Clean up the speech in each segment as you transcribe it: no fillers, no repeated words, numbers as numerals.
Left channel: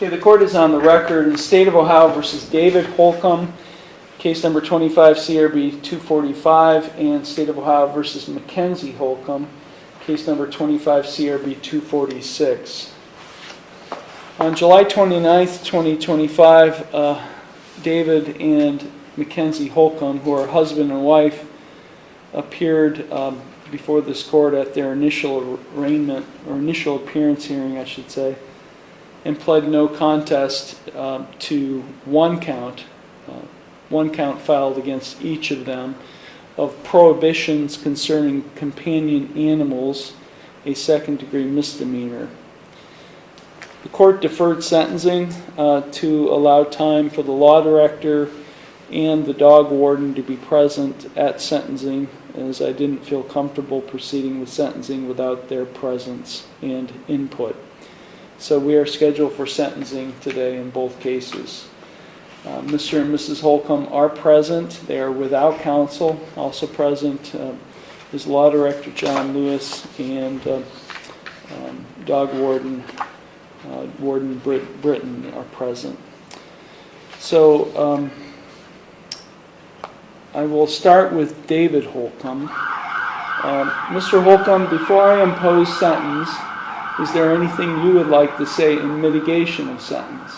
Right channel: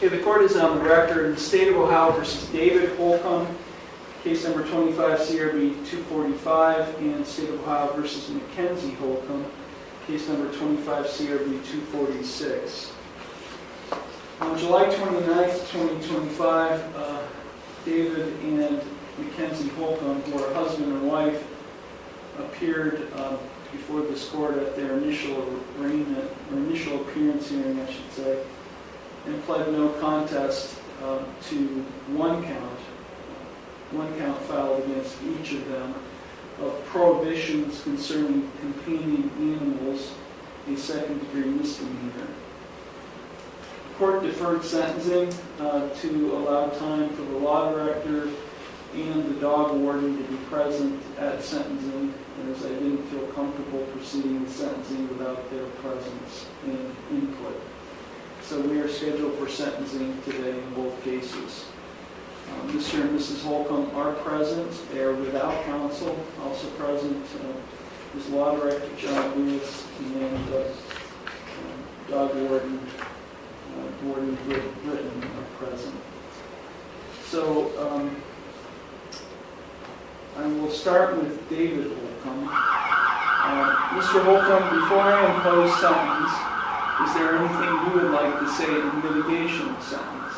Okay, the court is on the record in the State of Ohio versus David Holcomb, case number 25 CRB 245, and State of Ohio versus Mackenzie Holcomb, case number 25 CRB 246. On July 29th, 2025, David and Mackenzie Holcomb, who are husband and wife, appeared before this court at their initial arraignment, or initial appearance hearing, I should say, and pled no contest to one count filed against each of them of prohibitions concerning companion animals, a second-degree misdemeanor. The court deferred sentencing to allow time for the law director and the dog warden to be present at sentencing, as I didn't feel comfortable proceeding with sentencing without their presence and input. So we are scheduled for sentencing today in both cases. Mr. and Mrs. Holcomb are present. They are without counsel. Also present is Law Director John Lewis and Dog Warden Warden Britton are present. So I will start with David Holcomb. Mr. Holcomb, before I impose sentence, is there anything you would like to say in mitigation of sentence?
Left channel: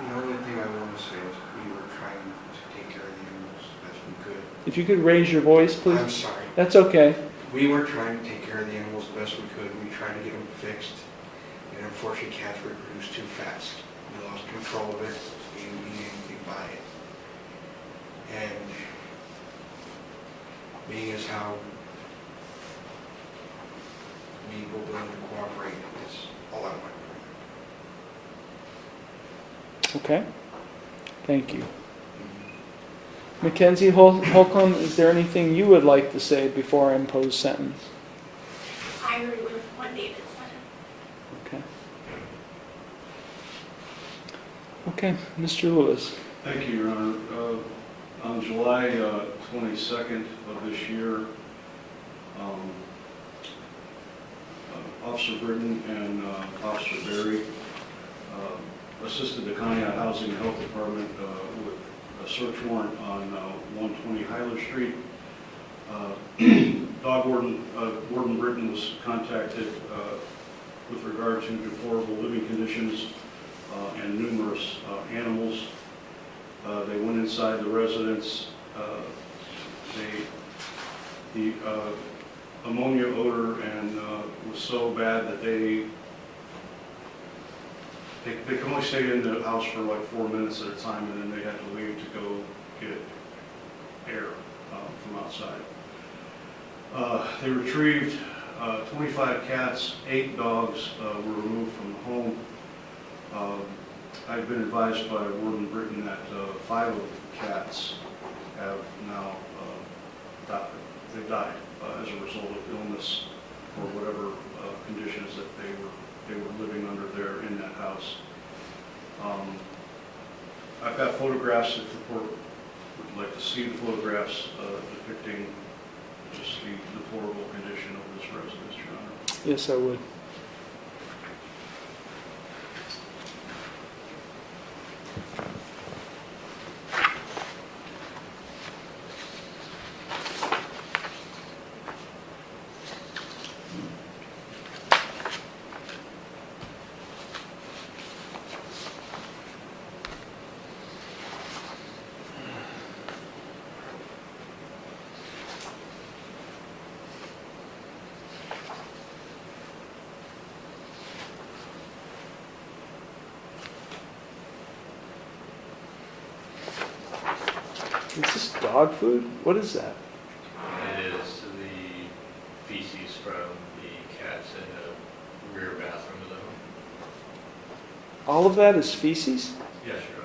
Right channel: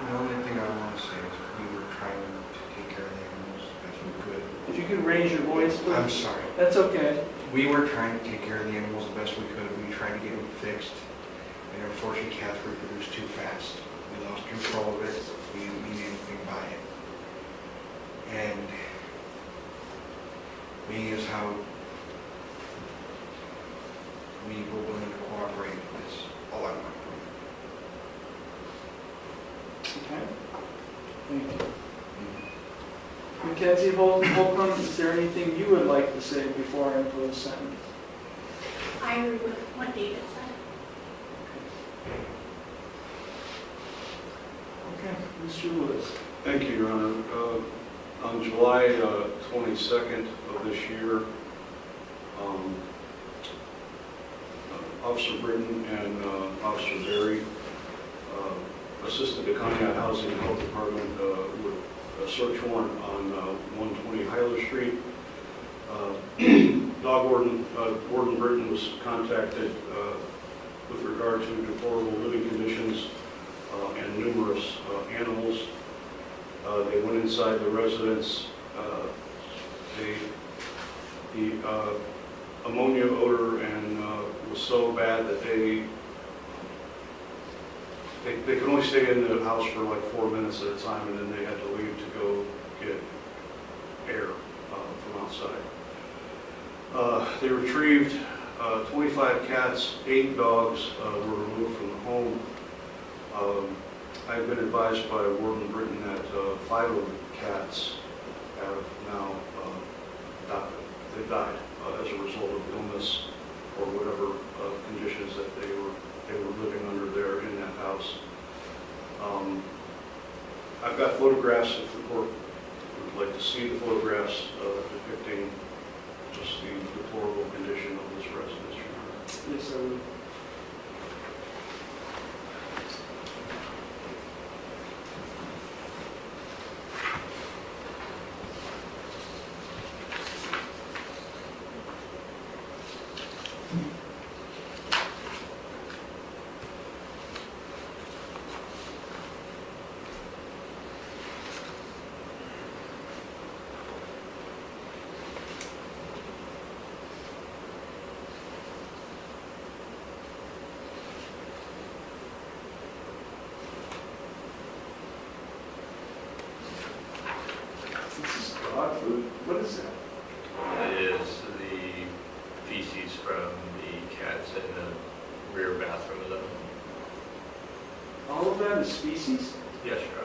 The only thing I want to say is that we were trying to take care of the animals as we could. If you could raise your voice, please. I'm sorry. That's okay. We were trying to take care of the animals the best we could. We tried to get them fixed. And unfortunately, cats reproduced too fast. We lost control of it. We didn't need anything by it. And being as how we were willing to cooperate, that's all I want to do. Okay. Thank you. Mackenzie Holcomb, is there anything you would like to say before I impose sentence? I agree with what David said. Okay. Okay, Mr. Lewis. Thank you, Your Honor. On July 22nd of this year, Officer Britton and Officer Berry assisted the County Housing and Health Department with a search warrant on 120 Hyler Street. Dog Warden Britton was contacted with regard to deplorable living conditions and numerous animals. They went inside the residence. The ammonia odor and was so bad that they could only stay in the house for like 4 minutes at a time, and then they had to leave to go get air from outside. They retrieved 25 cats, 8 dogs were removed from the home. I've been advised by Warden Britton that 5 of the cats have now died as a result of illness or whatever conditions that they were living under there in that house. I've got photographs if the court would like to see the photographs depicting just the deplorable condition of this residence, Your Honor. Yes, I would. Is this dog food? What is that? It is the feces from the cats in the rear bathroom of the home. All of that is feces? Yes, Your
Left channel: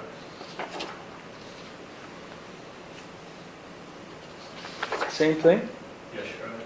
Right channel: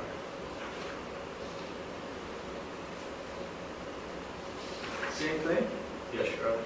Honor. Same thing? Yes, Your Honor.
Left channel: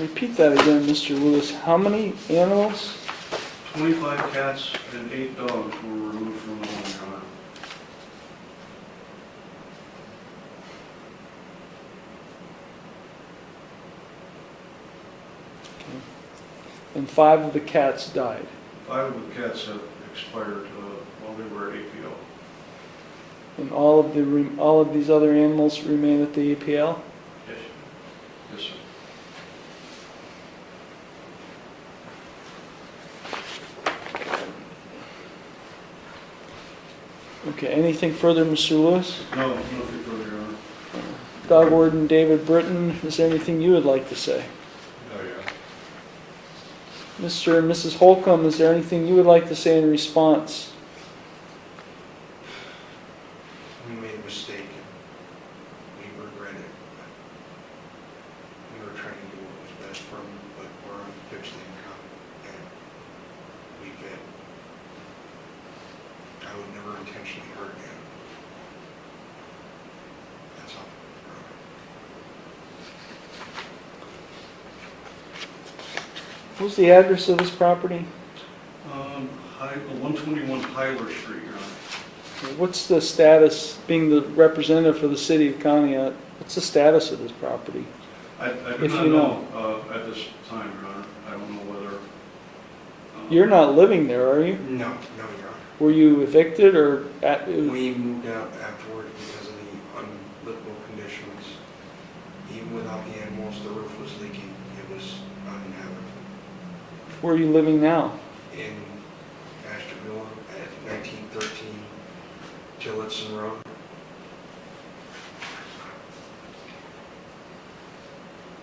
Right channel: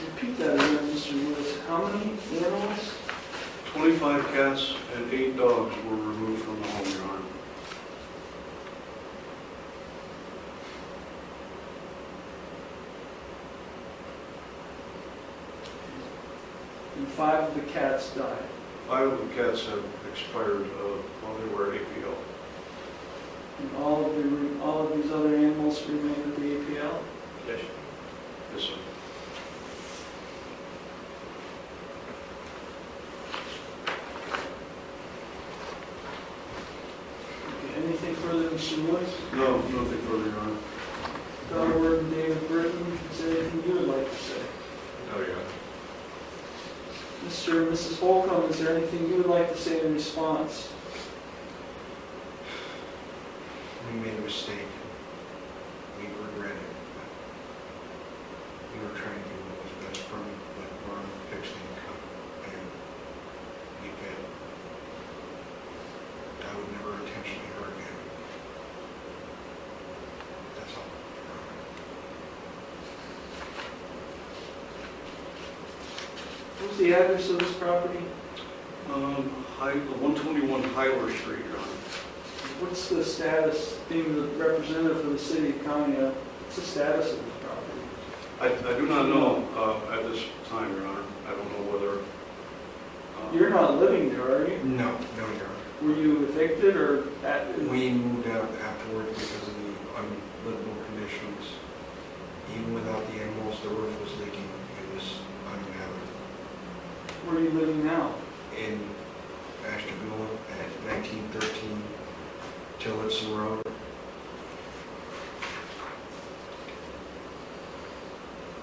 Repeat that again, Mr. Lewis. How many animals? 25 cats and 8 dogs were removed from the home, Your Honor. And 5 of the cats died. 5 of the cats have expired while they were at APL. And all of these other animals remain at the APL? Yes. Yes, sir. Okay, anything further, Mr. Lewis? No, nothing further, Your Honor. Dog Warden David Britton, is there anything you would like to say? Oh, yeah. Mr. and Mrs. Holcomb, is there anything you would like to say in response? We made a mistake. We regret it. But we were trying to do what was best for them, but we're on fixed income. And we did. I would never intentionally hurt him. That's all. What's the address of this property? 121 Hyler Street, Your Honor. What's the status, being the representative for the city of Conneaut, what's the status of this property? I do If not you know at this time, Your Honor. I don't know whether... You're not living there, are you? No, Your Honor. Were you evicted or We moved out afterward because of the unlivable conditions. Even without the animals, the roof was leaking. It was uninhabitable. where are you living now? In Ashtabula at 1913 Tillotson Road.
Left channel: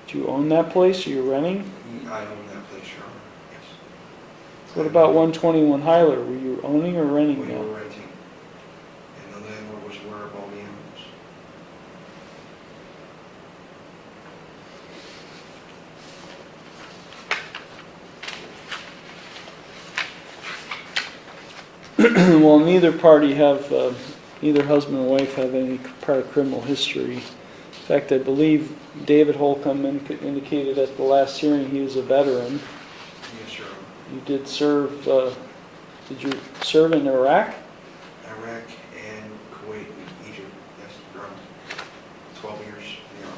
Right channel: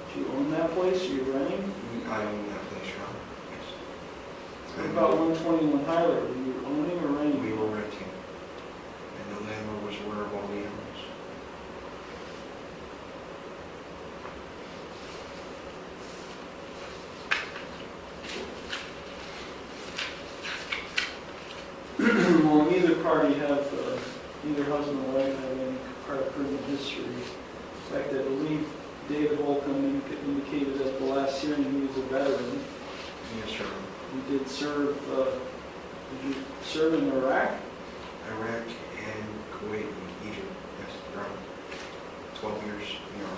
Do you own that place? Are you renting? I own that place, Your Honor. Yes. What about 121 Hyler? Were you owning or renting We that? were renting. And the landlord was aware of all the animals. Well, neither party have, neither husband or wife have any prior criminal history. In fact, I believe David Holcomb indicated at the last hearing he was a veteran. Yes, Your Honor. You did serve, did you serve in Iraq? Iraq and Kuwait and Egypt. Yes, Your Honor. 12 years, Your Honor.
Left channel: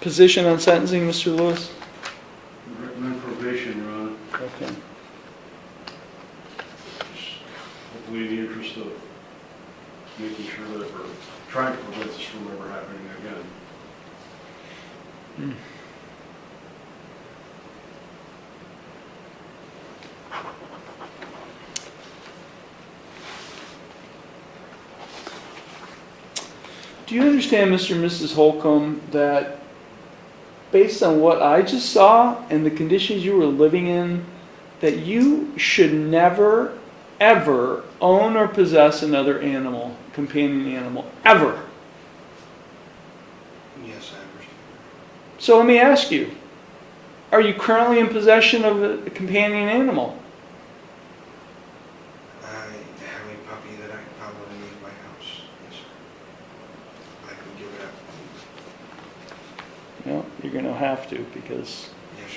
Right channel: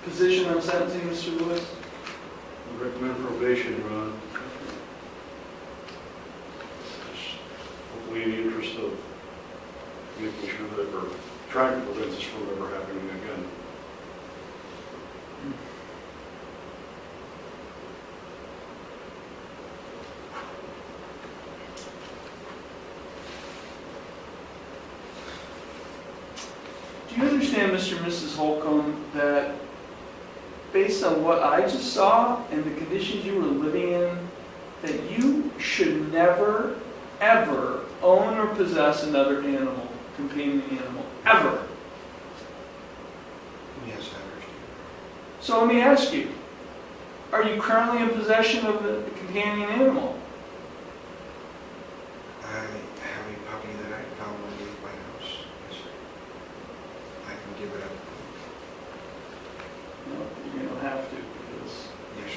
Position on sentencing, Mr. Lewis? We recommend probation, Your Honor. Okay. Just hopefully in the interest of making sure that we're trying to prevent this from ever happening again. Do you understand, Mr. and Mrs. Holcomb, that based on what I just saw and the conditions you were living in, that you should never, ever own or possess another animal, companion animal, ever? Yes, I understand. So let me ask you, are you currently in possession of a companion animal? I have a puppy that I found underneath my house. Yes, sir. I can give it up. No, you're going to have to because Yes,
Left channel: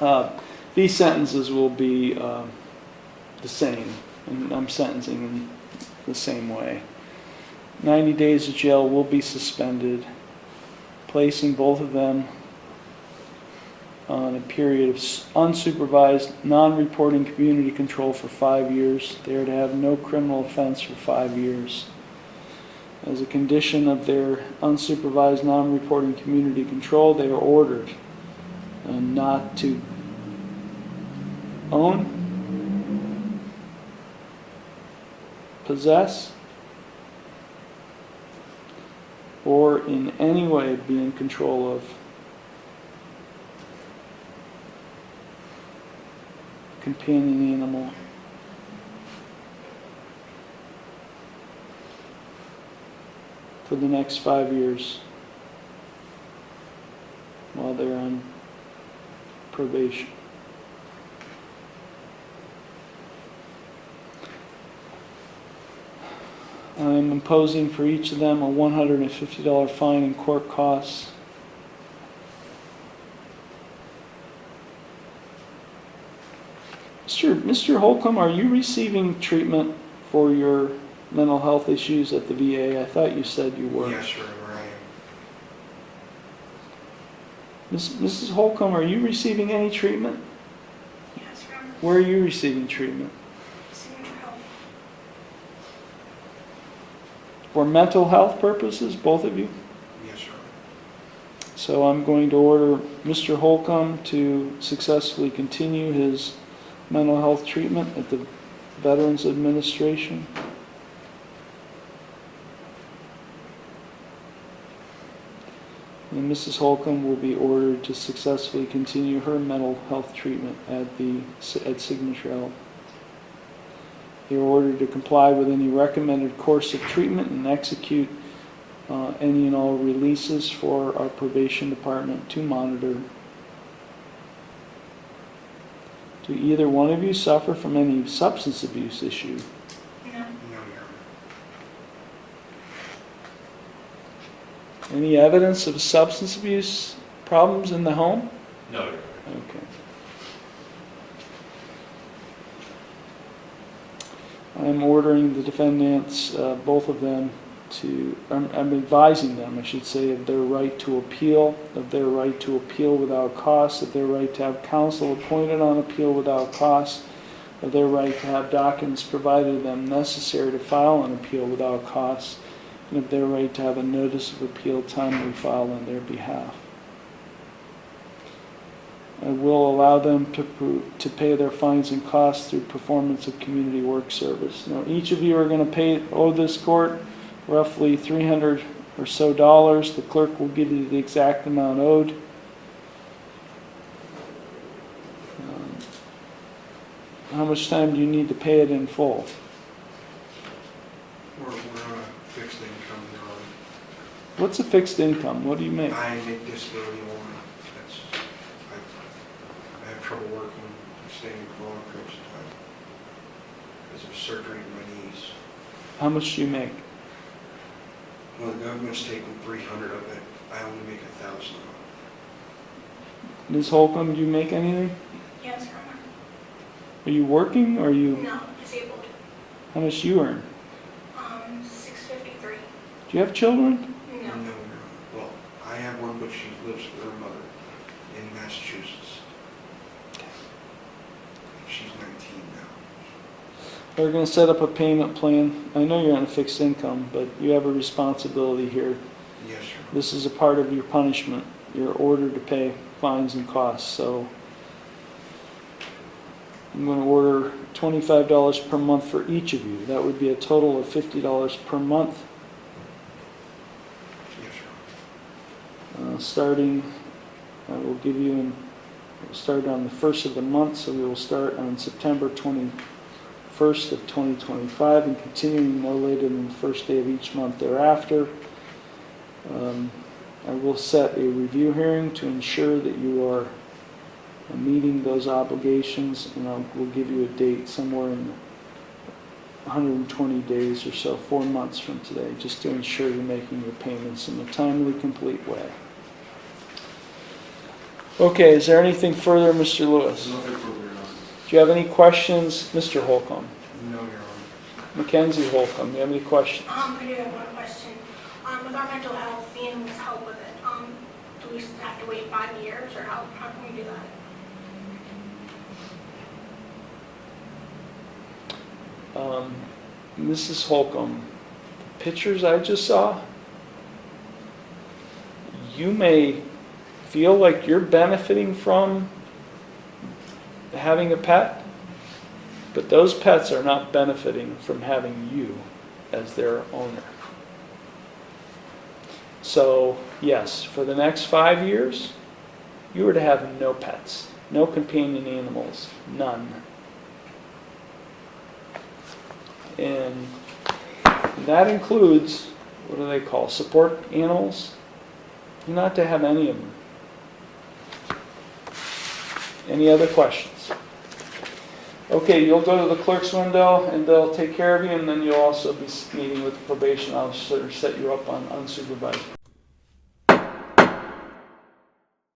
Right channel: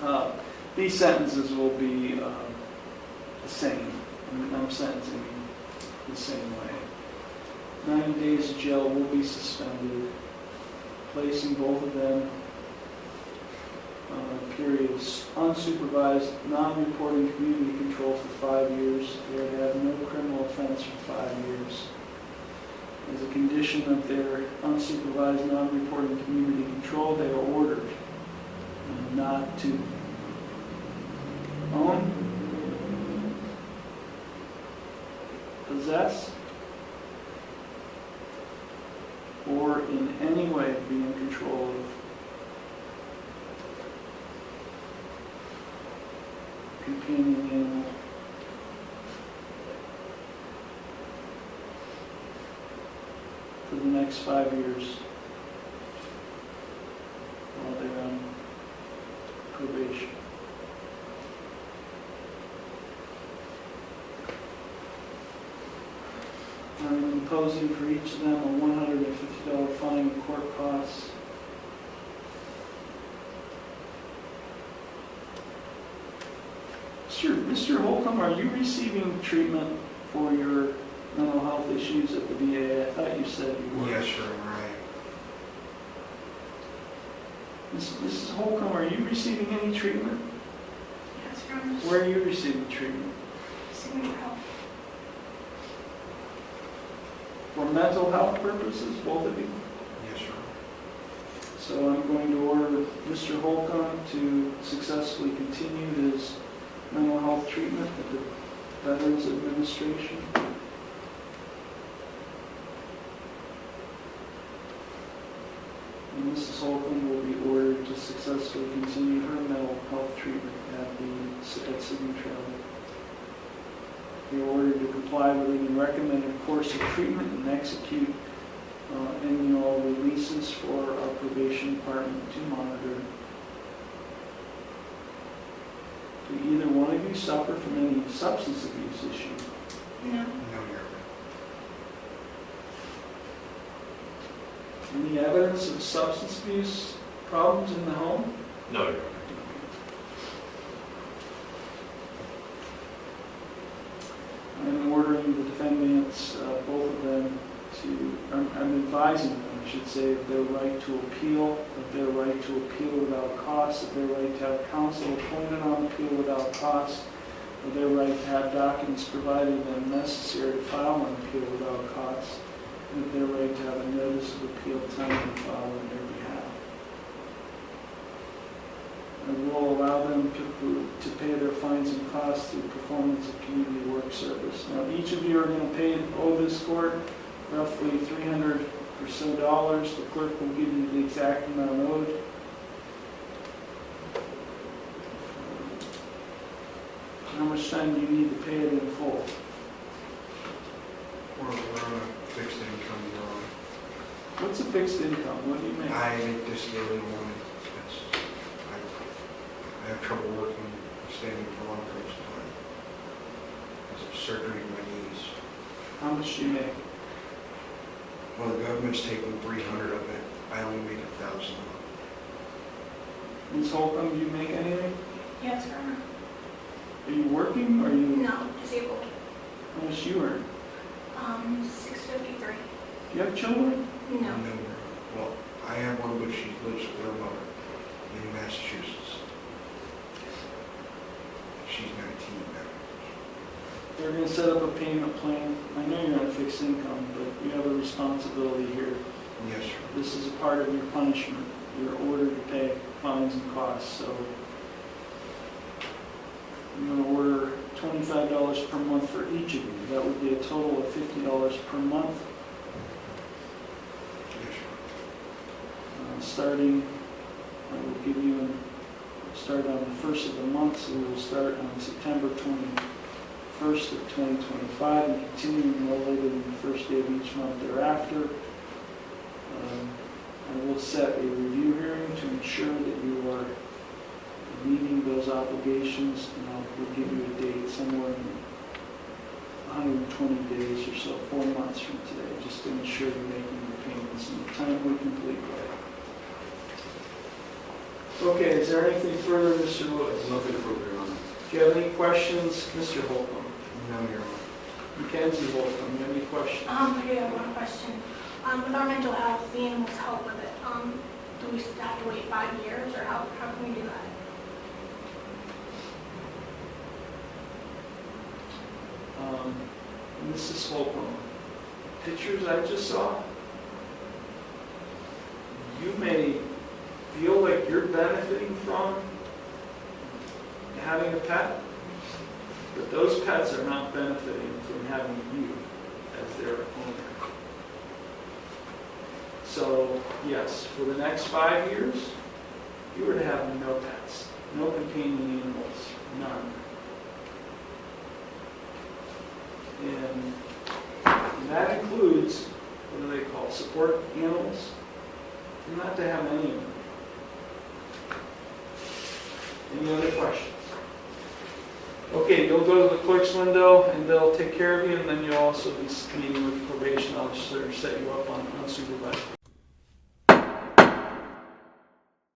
sir. these sentences will be the same. I'm sentencing in the same way. 90 days of jail will be suspended, placing both of them on a period of unsupervised, non-reporting community control for 5 years. They are to have no criminal offense for 5 years. As a condition of their unsupervised, non-reporting community control, they are ordered not to own, possess, or in any way be in control of companion animal. For the next 5 years while they're on probation. I'm imposing for each of them a $150 fine and court costs. Mr. Holcomb, are you receiving treatment for your mental health issues at the VA? I thought you said you were. Yes, sir, right. Mrs. Holcomb, are you receiving any treatment? Yes, Your Honor. Where are you receiving treatment? Signature health. For mental health purposes, both of you? Yes, sir. So I'm going to order Mr. Holcomb to successfully continue his mental health treatment at the Veterans Administration. And Mrs. Holcomb will be ordered to successfully continue her mental health treatment at Signature Health. They are ordered to comply with any recommended course of treatment and execute any and all releases for our probation department to monitor. Do either one of you suffer from any substance abuse issue? No. No, Your Honor. Any evidence of substance abuse problems in the home? No, Your Honor. Okay. I'm ordering the defendants, both of them, I'm advising them, I should say, of their right to appeal, without cost, of their right to have counsel appointed on appeal without cost, of their right to have documents provided to them necessary to file an appeal without cost, and of their right to have a notice of appeal timely filed on their behalf. I will allow them to pay their fines and costs through performance of community work service. Now, each of you are going to owe this court roughly $300 or so. The clerk will give you the exact amount owed. How much time do you need to pay it in full? We're on a fixed income, Your Honor. What's a fixed income? What do you make? I make disability one. I have trouble working, standing for long periods of time because of surgery in my knees. How much do you make? Well, the government's taking 300 of it. I only make 1,000. Ms. Holcomb, do you make anything? Yes, Your Honor. Are you working or are you? No, disabled. How much do you earn? $653. Do you have children? No. No, Your Honor. Well, I have one, but she lives with her mother in Massachusetts. She's 19 now. We're going to set up a payment plan. I know you're on a fixed income, but you have a responsibility here. Yes, sir. This is a part of your punishment. You're ordered to pay fines and costs. So I'm going to order $25 per month for each of you. That would be a total of $50 per month. Yes, sir. Starting, I will give you, start on the first of the month, so we will start on September 21st of 2025 and continuing no later than the first day of each month thereafter. I will set a review hearing to ensure that you are meeting those obligations, and we'll give you a date somewhere in 120 days or so, 4 months from today, just to ensure you're making your payments in a timely, complete way. Okay, is there anything further, Mr. Lewis? Nothing further, Your Honor. Do you have any questions, Mr. Holcomb? No, Your Honor. Mackenzie Holcomb, do you have any questions? I do have one question. With our mental health, the animals help with it. Do we have to wait 5 years, or how can we do that? Mrs. Holcomb, pictures I just saw, you may feel like you're benefiting from having a pet, but those pets are not benefiting from having you as their owner. So, yes, for the next 5 years, you were to have no pets, no companion animals, none. And that includes, what do they call, support animals? Not to have any of them. Any other questions? Okay, you'll go to the clerk's window and they'll take care of you, and then you'll also be meeting with the probation officer to set you up on unsupervised